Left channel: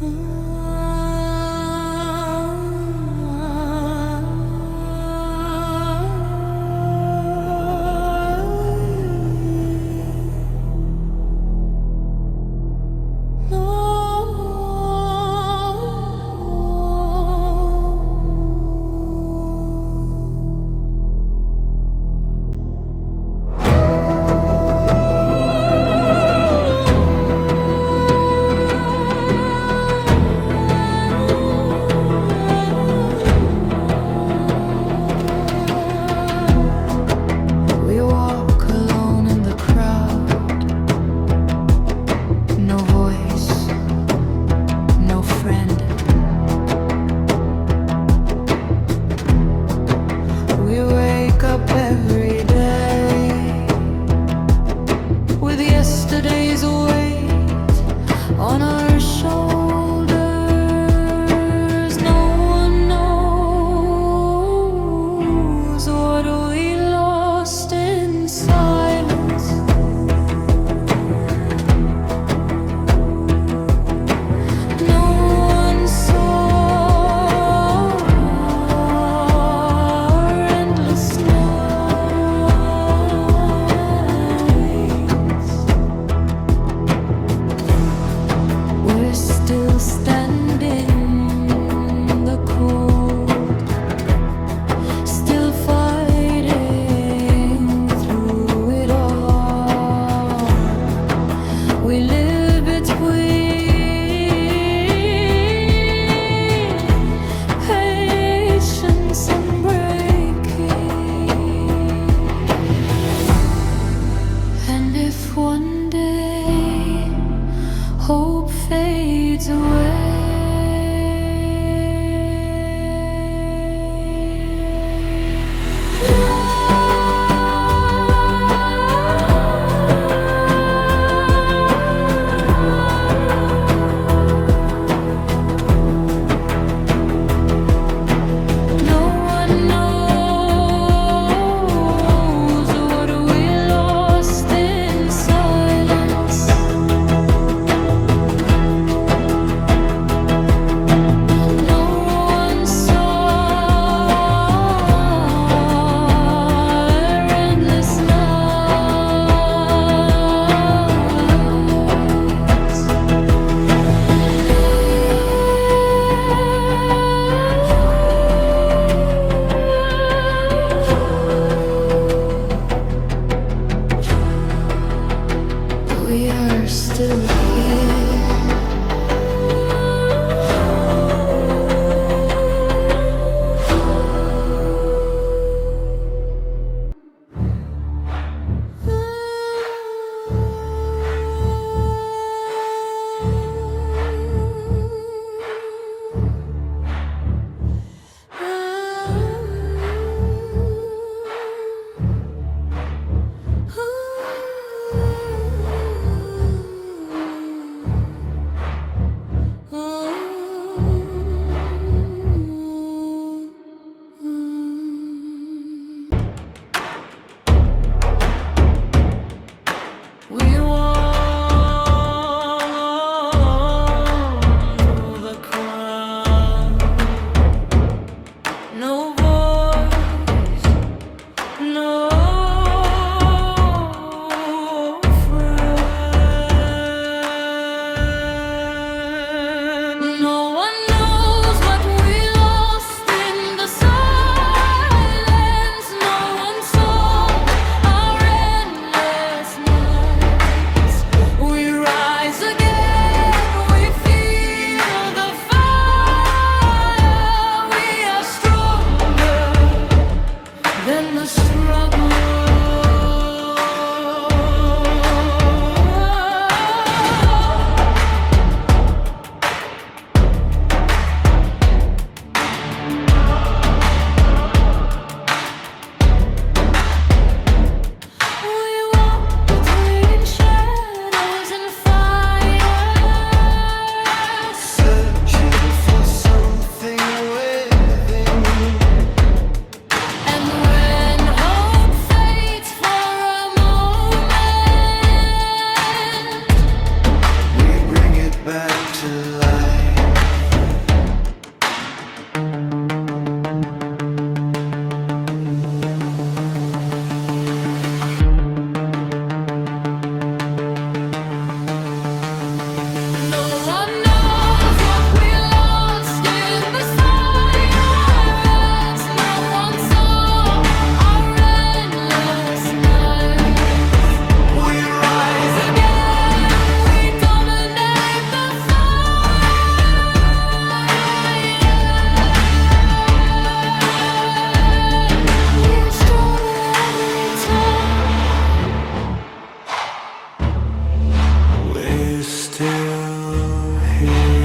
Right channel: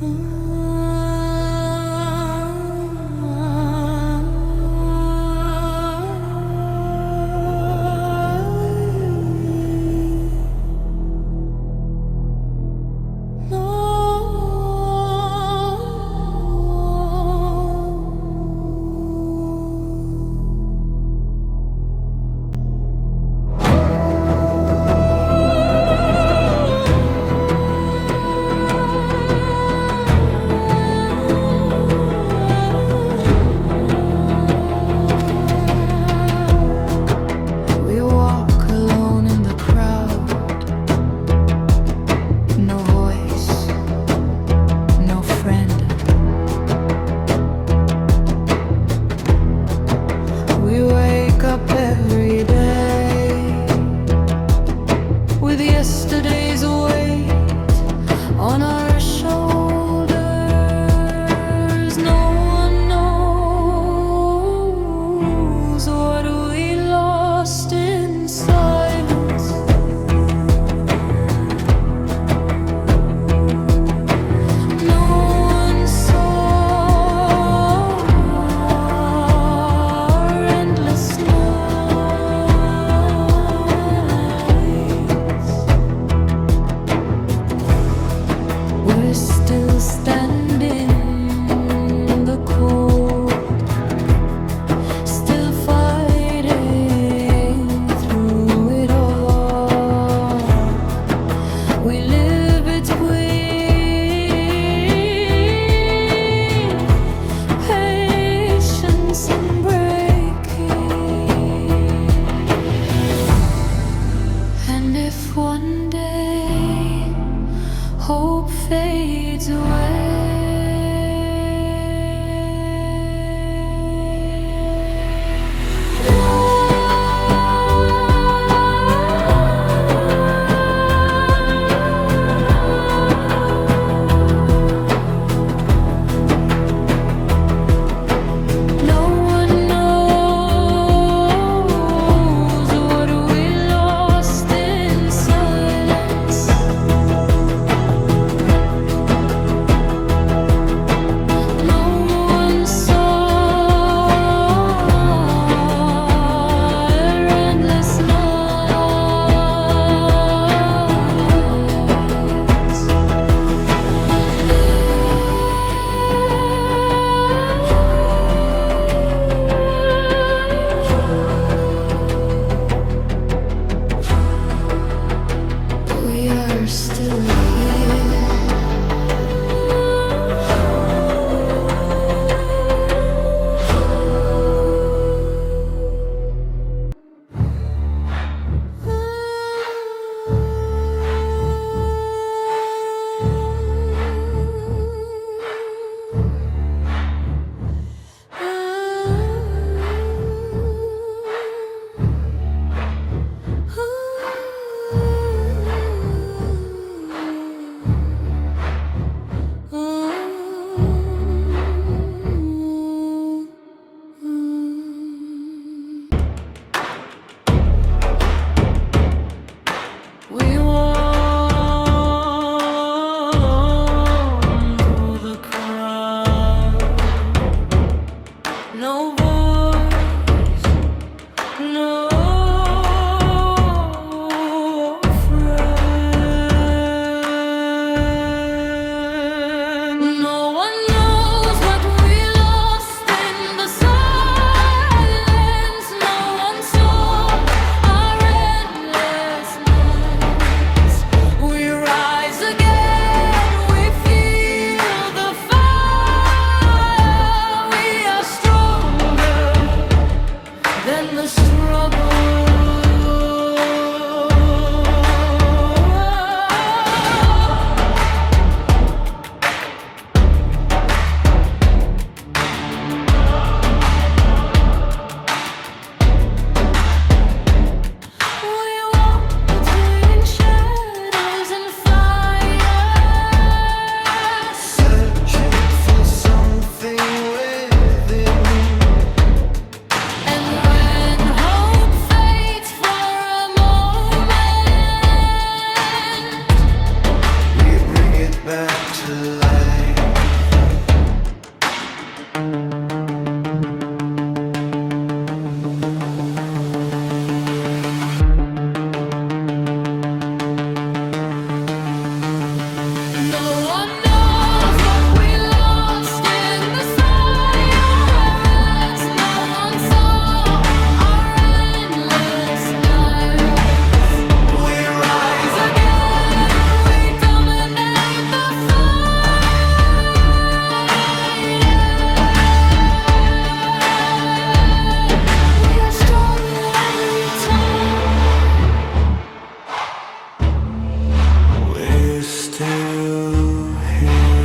We walk alone in the crowd. No voice, no friend. We wake up every day with yesterday's weight on our shoulders. No one knows what we lost in silence. No one saw our endless nights. We're still standing in the cold, still fighting through it all. We live between patience and breaking. And if one day hope fades away, no one knows what we lost in silence. No one saw our endless nights. We are still here. We walk through the crowd. No voice, no friend. No one knows what we lost in the silence. No one saw our endless nights. We rise again, we feel the fire. We are stronger than the struggle. We walk between shadows and fire, Searching for something within. and when hope fades for a moment, We bring it back to life. still here.